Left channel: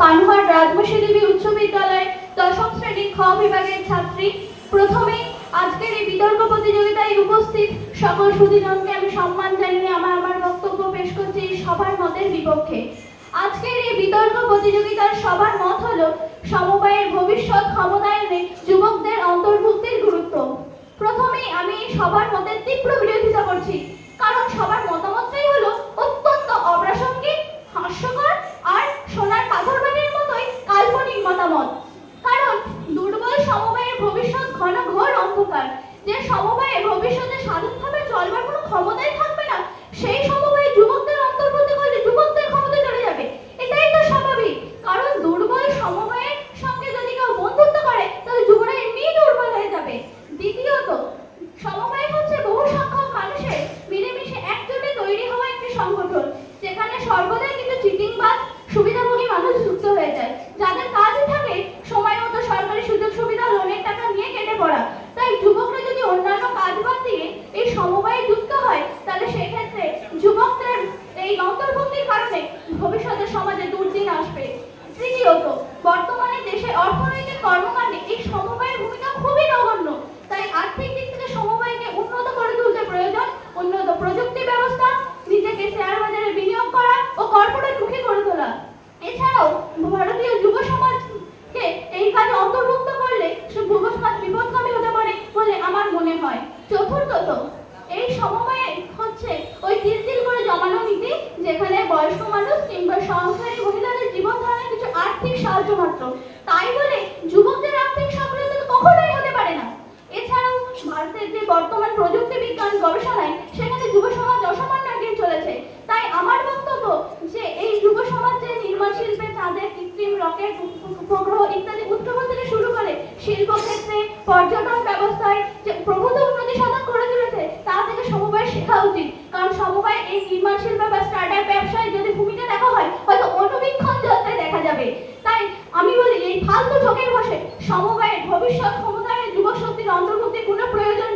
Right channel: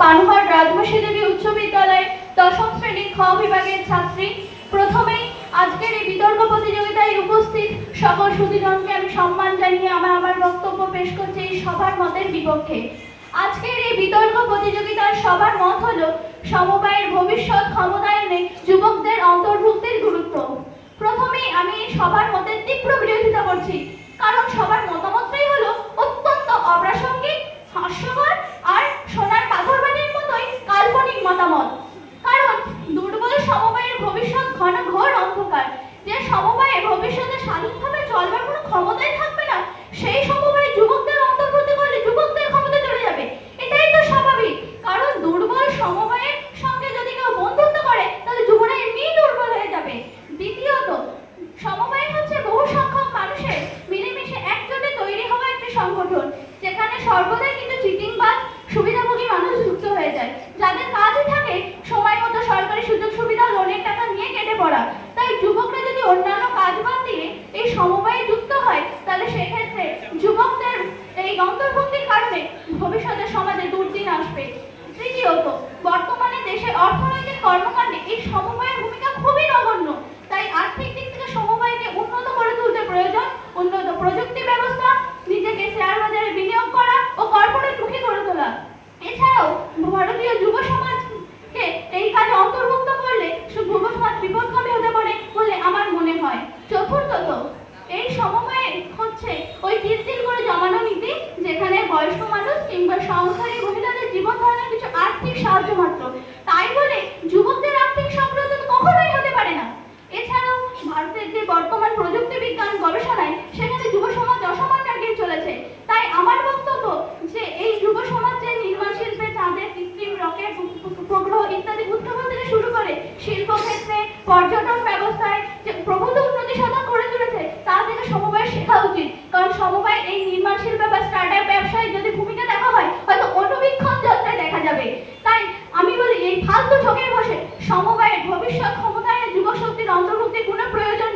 পানহাট রাজবংশী দেবী উচ্চ বিদ্যালয় দশম শ্রেণীর খ বিভাগের ছাত্রী। প্রথমেই আজকের এই বিতর্ক প্রতিযোগিতায় উপস্থিত সকল সুধীজনকে আমি সম্মান জানিয়ে আমার বক্তব্য পেশ করছি এই সবার মতের বিপক্ষে। আজকের এই বিতর্ক প্রতিযোগিতার সবার মত হলো সমবায়ের ভবিষ্যৎ ক্ষমতায়নে যুবকদের অন্তর্ভুক্তির গুরুত্ব। প্রথমেই আমি সবার মতের তীব্র বিরোধিতা করছি, কারণ সবার মতামতটাই হলো অত্যন্ত অপ্রাসঙ্গিক, হাস্যকর আর সোনার পাথরবাটির মতোই কাল্পনিক মতামত। কারণ দুর্বল সমবায়ের ভবিষ্যৎ ঘোর অন্ধকার। যে সমবায়ে ভবিষ্যতে স্বাধীনভাবে চলবার কোনো ক্ষমতাই থাকবে না, সেই সমবায়ে যুবকদের অন্তর্ভুক্ত করলে যুবকদের ক্ষমতা চলে যাবে। এটাই তো স্বাভাবিক, কারণ দুর্বল সমবায়ের সঙ্গে যদি কেউ বন্ধুত্ব করে তাহলে যুবরা এমনিই দুর্বল হয়ে যাবে। দ্বিতীয়ত, সমবায় হচ্ছে বহু সংখ্যক মানুষের মিলেমিশে একজোটে তৈরি হওয়া একটি সংগঠন, যেখানে সর্বদাই কিন্তু চিটিংবাজ সুবিধাভোগী মানুষ যুক্ত হয়ে যায়, যাদের কাজই থাকে সময় মতো সরকারি সুযোগ সুবিধা লোনের টাকা নিয়ে কেটে পড়া। তাই যুবকরা যদি অন্যান্য কাজ বাদ দিয়ে এই সমবায়ে যুক্ত হয়, তাহলে সেক্ষেত্রে যুবকদের এই অন্তর্ভুক্তির কারণে ভবিষ্যতে সমাজে দুর্দিন আসবে। তৃতীয়ত, বর্তমানে দেশের অর্থনৈতিক কর্মকাণ্ডে এই সমবায়ের ভূমিকা খুবই নগণ্য। তাই আর্থিক দিক থেকে সমবায়কে উন্নত করে তুলতে প্রয়োজন উন্নত প্রযুক্তি ব্যবস্থা, নিজেকে শেয়ার বাজারে বিনিয়োগ করা ও কর্পোরেট মুখী করে তোলা। এছাড়াও ভারতীয় যুব সমাজকে এই কাজে অন্তর্ভুক্ত করলে যুব সমাজ বিপদগামী হতে পারে বলে আমার মনে হয়। চতুর্থত, এই সমবায় হচ্ছে ওই তিল করে জমানো নীতি, যেখানে বয়স্ক মানুষ কিংবা সংসারী মহিলাদের জীবন ধারণের কিছু আর্থিক সাহায্য মাত্র। তাই বলে যুবকদের আর্থিক সমৃদ্ধি তো কখনোই হতে পারে না। এছাড়াও ভারতের যে বর্তমান প্রযুক্তি বিজ্ঞান গবেষণায়, সেখানে যুব সমাজ অসমান এগিয়ে চলেছে। তাই আমার বক্তব্য যে এই যুব সমাজ যে নির্মাণ শিল্পে চাঁদের কৃত্রিম রকেট উপগ্রহ ইত্যাদি উদ্ভাবন থেকে শুরু করে শিল্পক্ষেত্রে পর্যটন ব্যবস্থায় যে প্রভূত উন্নতি সাধন করে তুলেছে, তা থেকে সমবায় শেখা উচিত। কারণ সমবায় এই নির্মাণ শিল্পে বা স্টার্টআপ ব্যবসায় যদি ভূমিকা দেখা হয়, হয়তো অনুবীক্ষণ যন্ত্রে দেখা যাবে। তাই আমি বলি, এই ফালতু ঝোঁকের বসে সমবায়ের ভবিষ্যৎ ক্ষমতায়নে যুব শক্তির অন্তর্ভুক্তির কোনো প্রয়োজন